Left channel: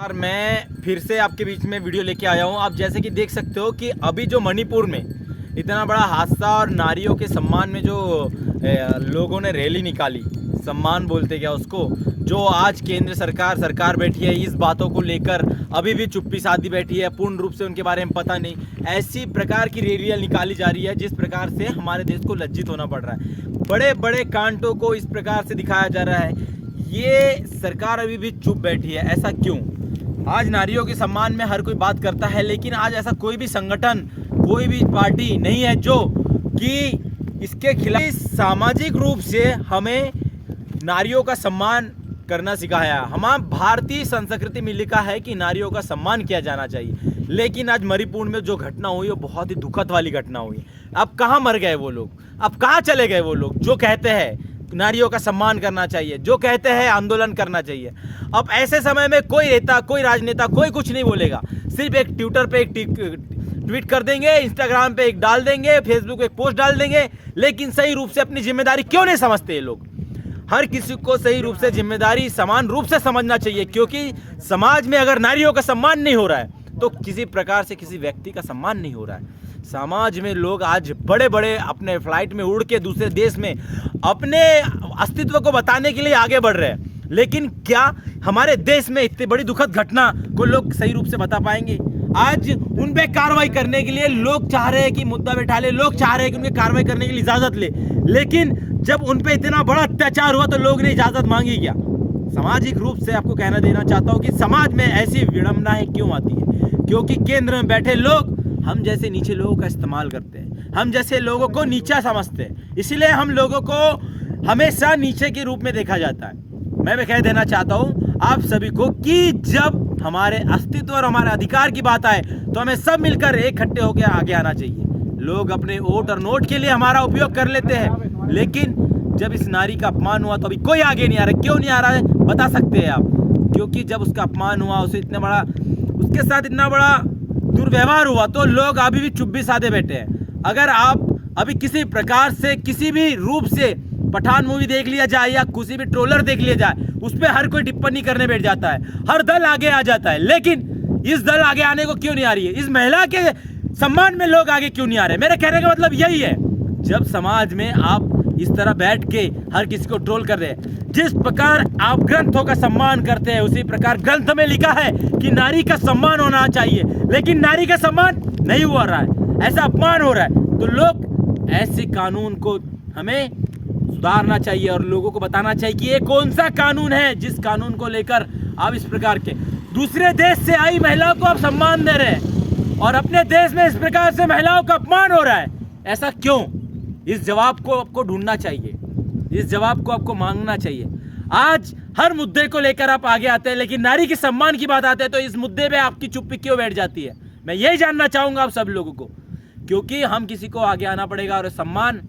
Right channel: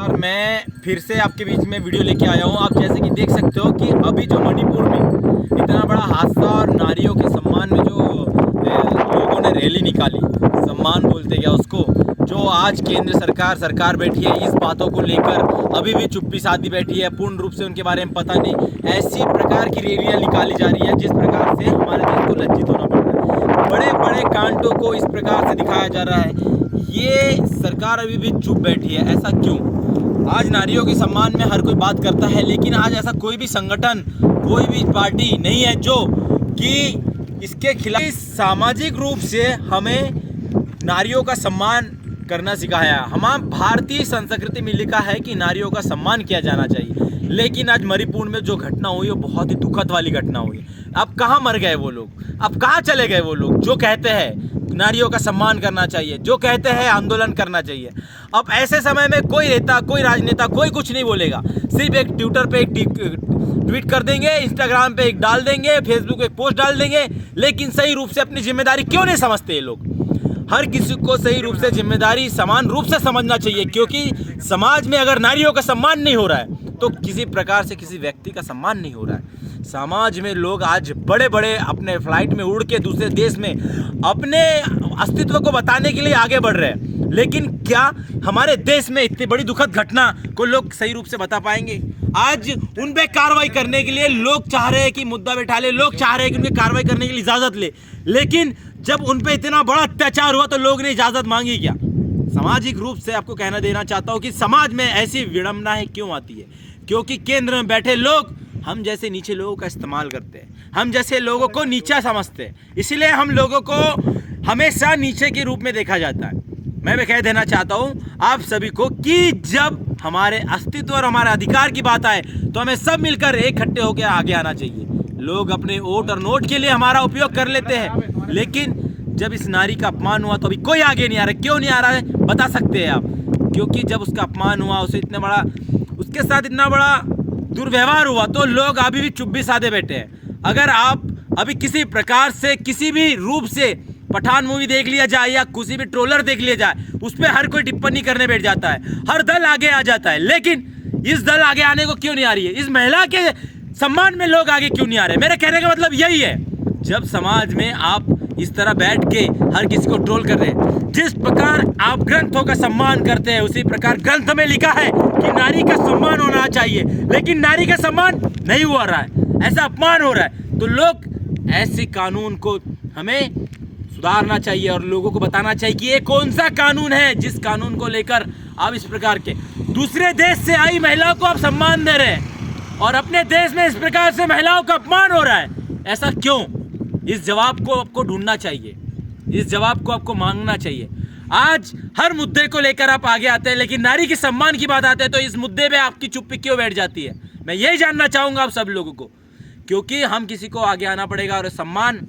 और मैं फिर से आपके बीच में वीडियो लेके आया हूँ। आप जैसे कि देख सकते हो कि अभी जो मणिपुर में इतना बड़ा हादसा और नारियों के सम्मान में जो लोगों ने रैली निकाली, सम्मान बोलते क्या उसको, जो आज केंद्र सरकार बैठी है इस बातों को लेकर अभी भी चुप्पी साधी बैठी है, पूर्ण रूप से उनके बारे में पता नहीं। ऐसी प्रकार की रैलियाँ निकाली जा रही है जिस प्रकार से हमारे देश को लज्जित होना पड़ रहा है। बड़े बड़े कांडों को इस प्रकार से दिखाया जा रहा है। ये सरकार अभी भी चुप बैठी है, ऐसा क्यों? आज नारियों के सम्मान में हर कोई बात करता है, लेकिन आज ऐसा कोई भी संगठन, कोई भी पार्टी नहीं है जो कि इसके खिलाफ सामाजिक रूप से हमें नारियों का सम्मान करना सिखाया। हमारे भारतीय संस्कृति में लिखा है कि नारियों का सम्मान किया जाना चाहिए, लेकिन आज मणिपुर में जो घटना हुई वो बहुत ही दुखद वाली घटना हुई। अब कहाँ मर गए वो लोग, अब कहाँ चले गए वो लोग जो कहते हैं नारियों का सम्मान करना चाहिए, जो कहते हैं आंदोलन करना चाहिए? अब ऐसे समय में कोई नेता, कोई राजनेता, कोई कुछ नहीं बोलेगा। सिर्फ एक ट्विटर पे एक ट्वीट कर देंगे, इंस्टाग्राम पे एक डाल देंगे, फेसबुक पे एक पोस्ट डाल देंगे, लेकिन सही रूप से अपनी जिम्मेदारी क्यों नहीं समझते ये लोग? हर किसी को सही रूप से जिम्मेदारी समान रूप से समझना चाहिए, क्योंकि समाज में अगर नारियों का सम्मान नहीं हो रहा है तो किसी प्रकार से किसी व्यक्ति का सम्मान नहीं हो रहा है। समाज में लोग आज बड़े बड़े अपने फ्लाइट में उड़ के दूसरे देश में अपने अस्तित्व को बताने के लिए आगे बढ़ रहे हैं, लेकिन क्या हमारे देश में इतनी बड़ी दुखद घटना को लोग सही रूप से बता पाएंगे? आज उन पे कार्रवाई करने के लिए लोग चाह रहे हैं कि मुद्दा बैठा ले, लोग चाह रहे हैं कि उनकी कार्रवाई करने के लिए इजाजत ले, लेकिन जब उन पे इतना बड़ा अत्याचार हुआ तो लोग ने इजाजत मांगी क्या? सामाजिक रूप से आपको कहना देना चाहता हूँ कि समाज में ऐसी विडंबनाएं क्यों आती है? क्योंकि केंद्र में बैठे लोग हम जैसे नीचे लोगों का इस्तेमाल करते हैं, हम जैसे लोगों को नीचा समझते हैं, इसलिए हम लोगों को हमेशा नीचे के रूप में देखा जाता है। मैं भी कह देना चाहता हूँ आप सभी को कि जब हमारे अस्तित्व और हमारे अधिकार की बात आए तो हमें सब मिलकर इकट्ठे होकर आगे आना चाहिए। लोग अपने वोट और नोट के लिए हमारा उपयोग कर लेते हैं, लेकिन जब इस नारी का अपमान हुआ तो अभी कोई आगे नहीं आ रहा। क्यों नहीं आ रहा है बता सकते हैं आप? क्योंकि जब उसका अपमान हुआ, उसे इतना बड़ा, उसके साथ इतना बड़ा दुर्व्यवहार हुआ तो लोग अभी भी चुप्पी साधे बैठे हैं। अगर आप अभी किसी प्रकार से किसी भी रूप से पठान मूवी देख लिया जाए या किसी भी ट्रोलर देख लिया जाए, उस पर हर कोई टिप्पणी करने बैठ जाता है, हर दल आगे आ जाता है, लेकिन इस दल आगे आने को क्यों नहीं आ रही है? इस महिला के सम्मान में लोग आगे क्यों नहीं आ रहे? मेरे कहने का मतलब यही है, जब समाज में आप इस तरह बैठ के हर किसी को ट्रोल कर रहे हैं, जिस प्रकार आप ग्रंथों का सम्मान करते हैं उसी प्रकार ग्रंथ में लिखा है कि नारी का सम्मान होना चाहिए, लेकिन नारी का सम्मान नहीं हो रहा है, ऐसा अपमान हो रहा है। तो लोग ऐसे कानून को हमें सुधारना चाहिए और लोगों को बताना चाहिए कि ये कौन सा कानून है जिस कानून को लेकर आप इस प्रकार के दूसरे देश से आई महिलाओं को आप सम्मान दे रहे हैं और अपने देश में इस प्रकार से महिलाओं का अपमान हो रहा है। ऐसा क्यों? इस जवाब को आपको ढूंढना चाहिए, इस जवाब को आपको मांगना चाहिए। आज हर मुद्दे को लेकर आप आगे आते हैं, लेकिन नारी के सम्मान की बात आते हैं तो इस मुद्दे पे आपकी चुप्पी क्यों बैठ जाती है? मैं यही जानना चाहूंगा आप सब लोगों को, क्योंकि हम किसी को आगे आना पड़ेगा और सम्मान,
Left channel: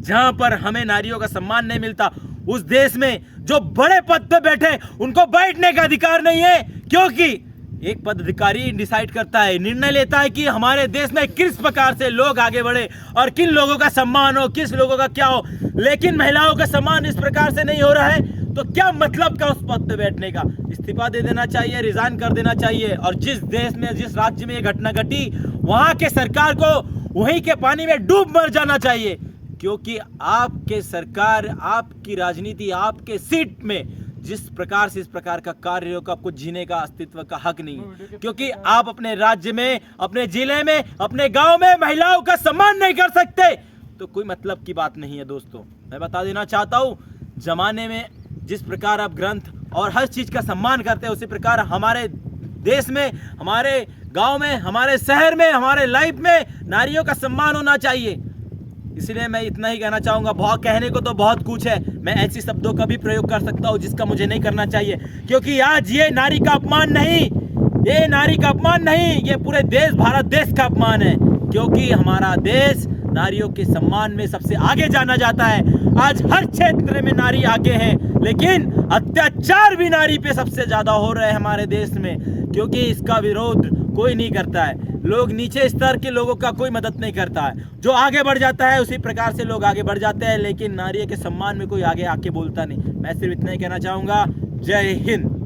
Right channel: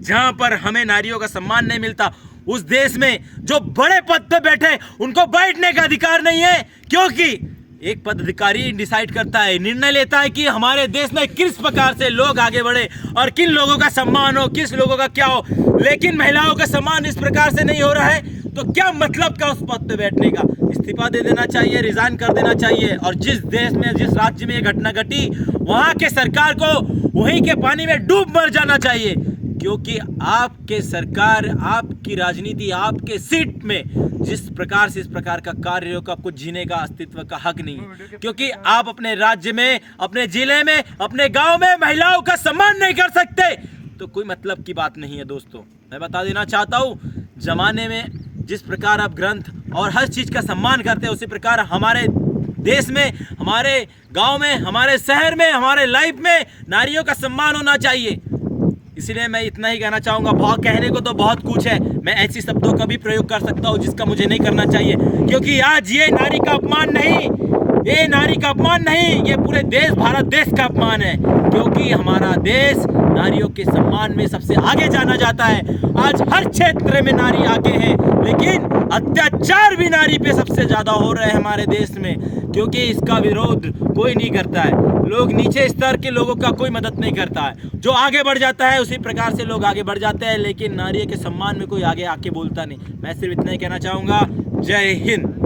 जहां पर हमें नारियों का सम्मान नहीं मिलता उस देश में जो बड़े पद पे बैठे उनको बैठने का अधिकार नहीं है, क्योंकि एक पदाधिकारी डिसाइड करता है, निर्णय लेता है कि हमारे देश में किस प्रकार से लोग आगे बढ़े और किन लोगों का सम्मान हो, किस लोगों का क्या हो। लेकिन महिलाओं का सम्मान इस प्रकार से नहीं हो रहा है तो क्या मतलब का उस पद पे बैठने का? इस्तीफा दे देना चाहिए, रिजाइन कर देना चाहिए। और जिस देश में, जिस राज्य में ये घटना घटी, वहां के सरकार को वहीं के पानी में डूब मर जाना चाहिए, क्योंकि आपके सरकार, आपकी राजनीति, आपके सीट में जिस प्रकार से इस प्रकार का कार्य हो, आपको जीने का, अस्तित्व का हक नहीं है, क्योंकि आप अपने राज्य में, अपने जिले में, अपने गांव में महिलाओं का सम्मान नहीं कर सकते तो कोई मतलब की बात नहीं है। दोस्तों, मैं बता देना चाहता हूं, जमाने में जिस प्रकार आप ग्रंथ और हर चीज का सम्मान करते हैं, उसी प्रकार हमारे देश में, हमारे गांव में, हमारे शहर में, हमारे लाइफ में नारियों का सम्मान होना चाहिए। इसलिए मैं इतना ही कहना चाहूँगा। बहुत कहने को तो बहुत कुछ है, मैं ऐसी शब्दों का भी प्रयोग कर सकता हूँ जिसका मुझे नहीं करना चाहिए, क्योंकि आज ये नारी का अपमान नहीं, ये नारी का अपमान नहीं, ये पूरे देश, भारत देश का अपमान है, क्योंकि हमारा देश नारियों के सम्मान में सबसे आगे जाना जाता है। आज हर क्षेत्र में नारी आगे है, लेकिन अत्याचार भी नारी पे सबसे ज्यादा हो रहे हैं हमारे देश में, क्योंकि इसका विरोध कोई नहीं करता है। लोग नीचे स्तर के लोगों का कोई मदद नहीं करता है, जो आगे बढ़ जाता है उसी प्रकार से लोग आगे बढ़ जाते हैं, लेकिन नारी के सम्मान में कोई आगे आके बोलता नहीं। मैं सिर्फ इतना ही कहना चाहूँगा। जय हिंद।